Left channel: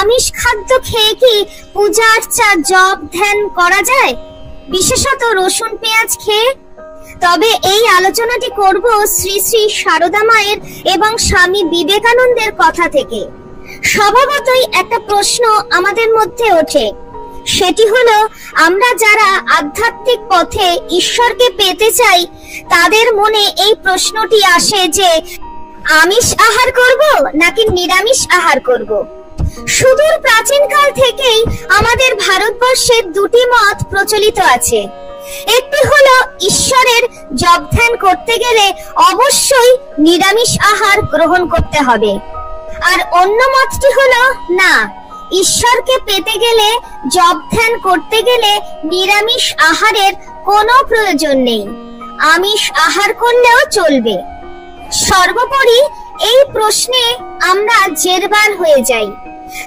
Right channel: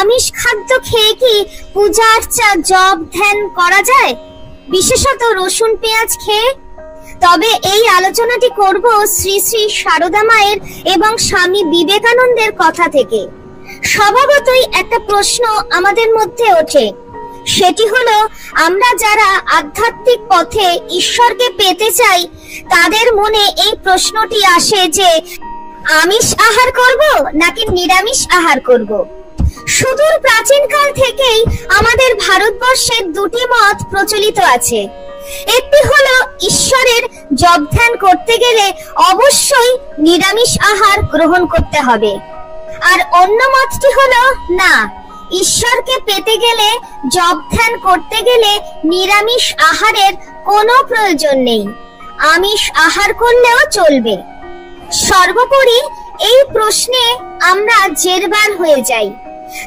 আমিষ খাদ্য খেয়ে কি পূজা আর্চা জপ ধ্যান করা যায়, বিশেষত রসুন পেঁয়াজ খেয়ে? তবে এই আলোচনাটি করব শ্রী শ্রী সারদা মায়ের এবং স্বামী বিবেকানন্দের কথা থেকে। স্বভাবতই একটা প্রশ্ন আমাদের মধ্যে ওঠে, সেটি হলো আমরা যারা আধ্যাত্মিক পথে ঈশ্বরকে পেতে চাই তাদের মনে এই প্রশ্নটি আসে যে আমিষ আহার করব নাকি নিরামিষ আহার করব। সুদূর প্রাচীনকাল থেকেই আমাদের ভারতবর্ষে দুটি মত প্রচলিত আছে। একটি হলো ঈশ্বরের জপ ধ্যান করতে গেলে অবশ্যই নিরামিষ আহার গ্রহণ করতে হবে, আর অন্য মতটি হলো না, ঈশ্বরকে পেতে গেলে জপ ধ্যান করতে গেলে নিরামিষ আহারের কোনো প্রয়োজন নেই, আমিষ আহার করলেও চলবে। সর্বোপরি এই প্রশ্নে আমরা জেরবার হয়ে যাই।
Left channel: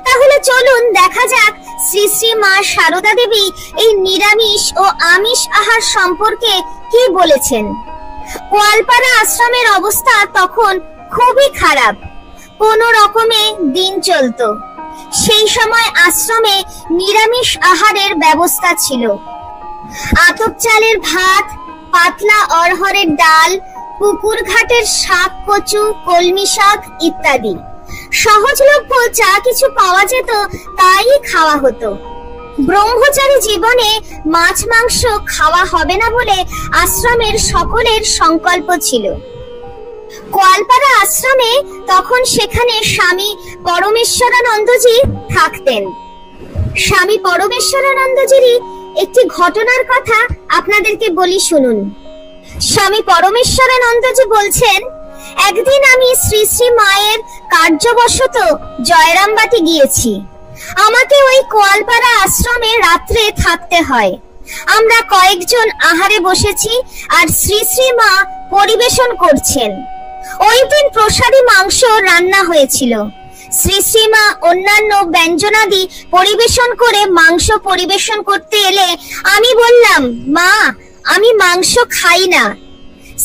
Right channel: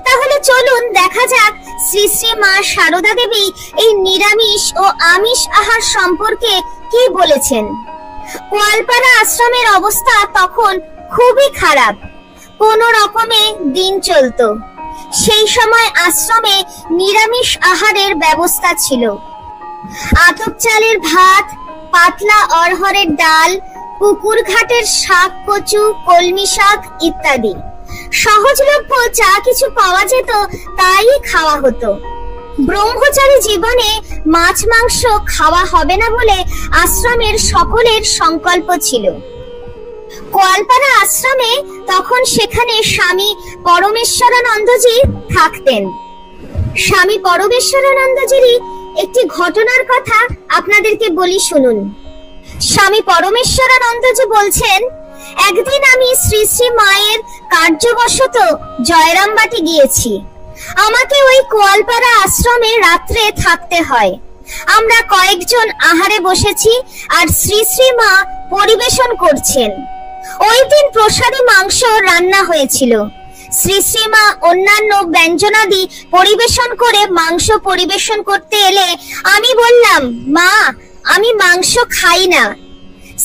তাহলে চলুন দেখা যাক শ্রী শ্রী মা সারদা দেবী এই নিরামিষ ও আমিষ আহার সম্পর্কে কি বলেছেন। গোয়ালপাড়া আশ্রমের অবস্থা তখন খুবই খারাপ, কোন রকমে দিন চলতো। সেই সময় আশ্রমে নিরামিষ আহারের ব্যবস্থা ছিল। আতপ চালের ভাত, পাতলা অড়হরের ডাল, পুকুর ঘাটের শাক কচু, কলমি শাক ইত্যাদি সহজলভ্য যা কিছু পাওয়া যেত তাই খাওয়া হতো। ব্রহ্মচারী জীবনে মাছ মাংস খাওয়া হবে না বলে আশ্রমের সকলের সংকল্প ছিল। গোয়ালপাড়া আশ্রমে তখন সেখানে স্বামী পরমেশ্বরানন্দজি থাকতেন। স্বামী পরমেশ্বরানন্দজির একটি ঘটনার কথা আপনাদেরকে বলি, শুনুন। স্বামী পরমেশ্বরানন্দজি বলছেন, একদিন আমি শ্রী শ্রী মায়ের কার্যবশত জয়রামবাটি গিয়েছি। আমাকে ওই গোয়ালপাড়া আশ্রমে রাত্রে থাকতে হয়। আমরা কয়েকজন আহারে বসেছি আর শ্রী শ্রী মা পরিবেশন করছেন। ওই দিন প্রসাদী মাংস রান্না হয়েছিল। শ্রী শ্রী মা অন্যান্য ব্যঞ্জনাদি পরিবেশন করে মাংস পরিবেশন করতে এলে আমি বললাম, মা, আমি মাংস খাই না।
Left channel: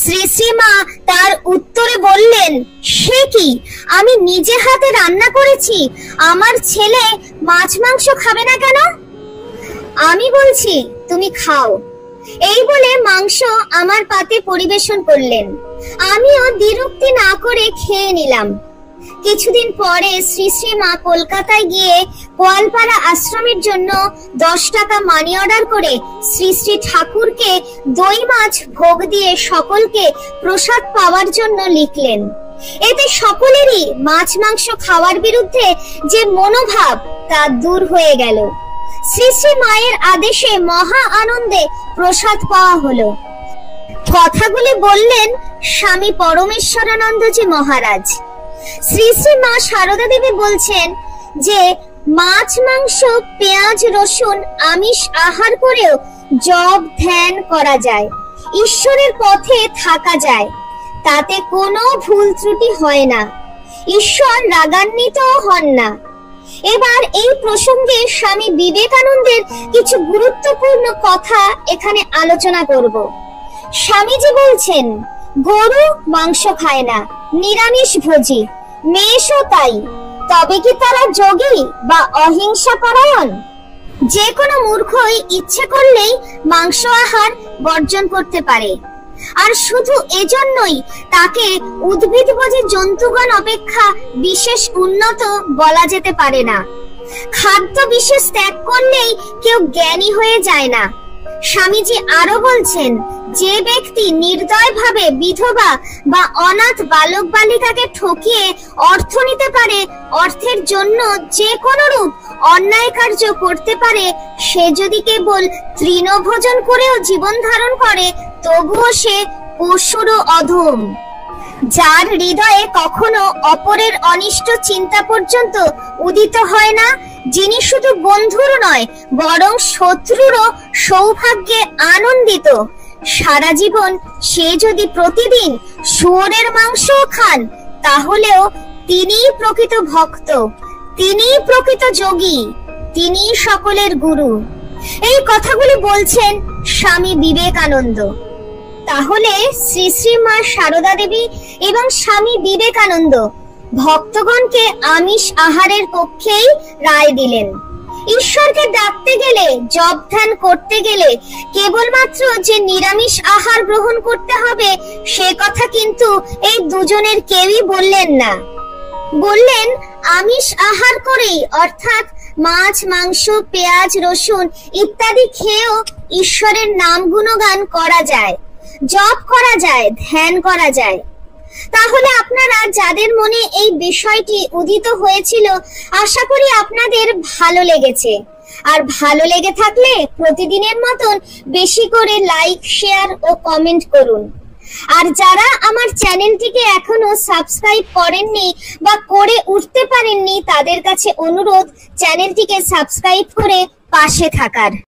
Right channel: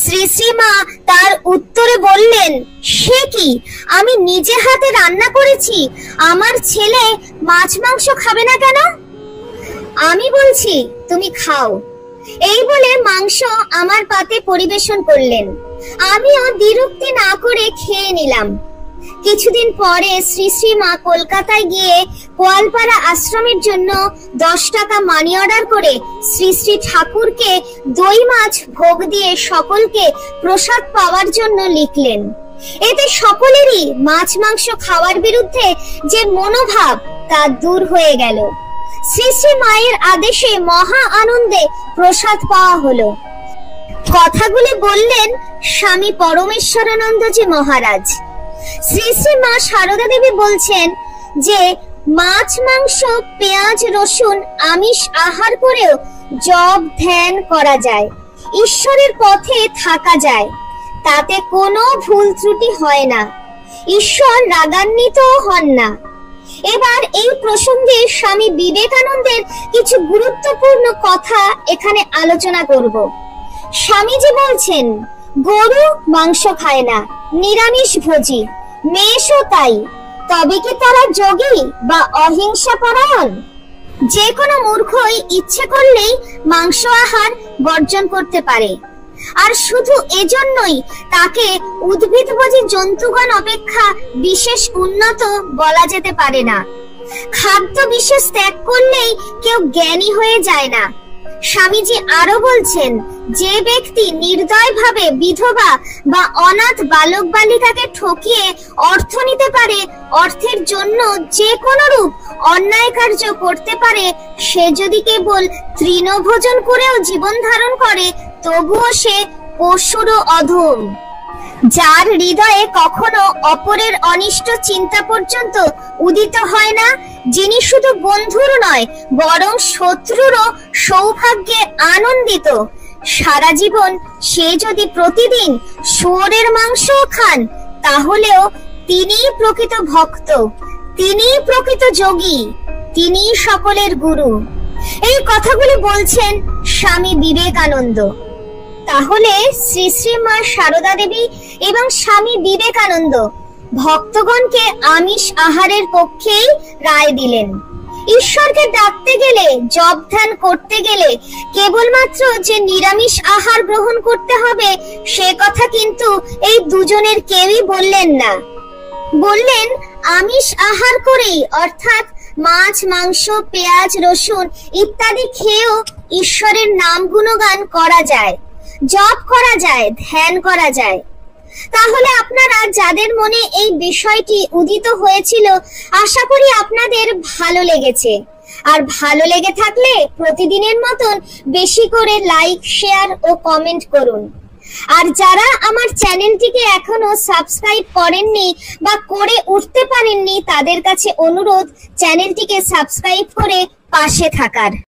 শ্রী শ্রী মা তার উত্তরে বললেন, সে কি, আমি নিজে হাতে রান্না করেছি, আমার ছেলে মাছ মাংস খাবে না কেন? আমি বলছি তুমি খাও। এই বলে মাংস আমার পাতে পরিবেশন করলেন। আমিও বিরক্তি না করে খেয়ে নিলাম। কিছুদিন পরে শ্রী শ্রী মা কলকাতায় গিয়ে গোয়ালপাড়া আশ্রমের জন্য 10 টাকা মানি অর্ডার করে শ্রী শ্রী ঠাকুরকে দই মাছ ভোগ দিয়ে সকলকে প্রসাদ পাওয়ার জন্য লিখলেন। এতে সকলেরই মাছ মাংস খাওয়ার বিরুদ্ধে যে মনোভাব তা দূর হয়ে গেল। শ্রী শ্রী মায়ের আদেশে মহা আনন্দে প্রসাদ পাওয়া হলো। কথাগুলি বললেন স্বামী পরমেশ্বরানন্দজি মহারাজ। শ্রী শ্রী মা সারদা দেবী বলছেন যে মাছ মাংস পেঁয়াজ রসুন আমিষ আহার করেও জপ ধ্যান করা যায়, ঈশ্বরের পথে থাকা যায়, তাতে কোনো ভুল ত্রুটি হয় না, ঈশ্বর রাগান্বিত হন না। এবার এই প্রসঙ্গে স্বামী বিবেকানন্দের কিছু গুরুত্বপূর্ণ কথা এখানে আলোচনা করব। স্বামীজি বলছেন, গরু মাংস খায় না, নিরামিষ ভোজী, মেষও তাই। তবে কি তারা যোগী বা অহিংসা পরায়ণ? যে কোনো মূর্খই ইচ্ছে করলেই মাংস আহার বর্জন করতে পারে, আর শুধু এজন্যই তাকে উদ্ভিদভোজী জন্তুগণ অপেক্ষা বিশেষ উন্নত বলা যেতে পারে না। খাদ্য বিশেষ ত্যাগ করলেই কেউ জ্ঞানী হয়ে যায় না। স্বামীজি আরো বলছেন, যে ব্যক্তি নির্দয়ভাবে বিধবা বা অনাথ বালক বালিকাকে ঠকিয়ে অর্থ নিতে পারে, অর্থের জন্য যে কোনো রূপ অন্যায় কার্য করতে পারে, সে যদি কেবল তৃণভোজন করেও জীবন ধারণ করে তবুও সে পশুরও অধম। যার হৃদয়ে কখনো অপরের অনিষ্ট চিন্তা পর্যন্ত উদিত হয় না, যিনি শুধু বন্ধুর নয় বরং শত্রুরও সৌভাগ্যে আনন্দিত, সারা জীবন সে যদি প্রতিদিন শুয়োরের মাংস খান, তাহলেও তিনিই প্রকৃত ভক্ত, তিনিই প্রকৃত যোগী, তিনিই সকলের গুরু। এই কথাগুলি বলছেন স্বামী বিবেকানন্দ। তাহলে শ্রী শ্রী মা সারদা দেবী এবং স্বামী বিবেকানন্দ ভক্তগণকে আমিষ আহারের পক্ষেই রায় দিলেন। ঈশ্বরকে ডাকতে গেলে, জপ ধ্যান করতে গেলে কেবলমাত্র যে নিরামিষ আহার গ্রহণ করতে হবে সে কথা কিন্তু এই দুজনের কেউই বললেন না। বললেন আমিষ আহার করেই, অর্থাৎ মাছ, মাংস, পেঁয়াজ, রসুন ইত্যাদি খেয়েও ঈশ্বরের নাম গুণগান করা যায়, জপ করা যায়, ধ্যান করা যায়। তাহলে আপনারা যাদের মনে এই বিষয়টি উদিত হয়েছিল, আশা করি আপনাদের ভালো লেগেছে। আর ভালো লেগে থাকলে প্রতিদিনের মতন বেশি করে লাইক, শেয়ার ও কমেন্ট করুন। আর যারা আমার চ্যানেলটিকে এখনো সাবস্ক্রাইব করেননি বা করে উঠতে পারেননি, তাদের কাছে অনুরোধ চ্যানেলটিকে সাবস্ক্রাইব করে পাশে থাকার।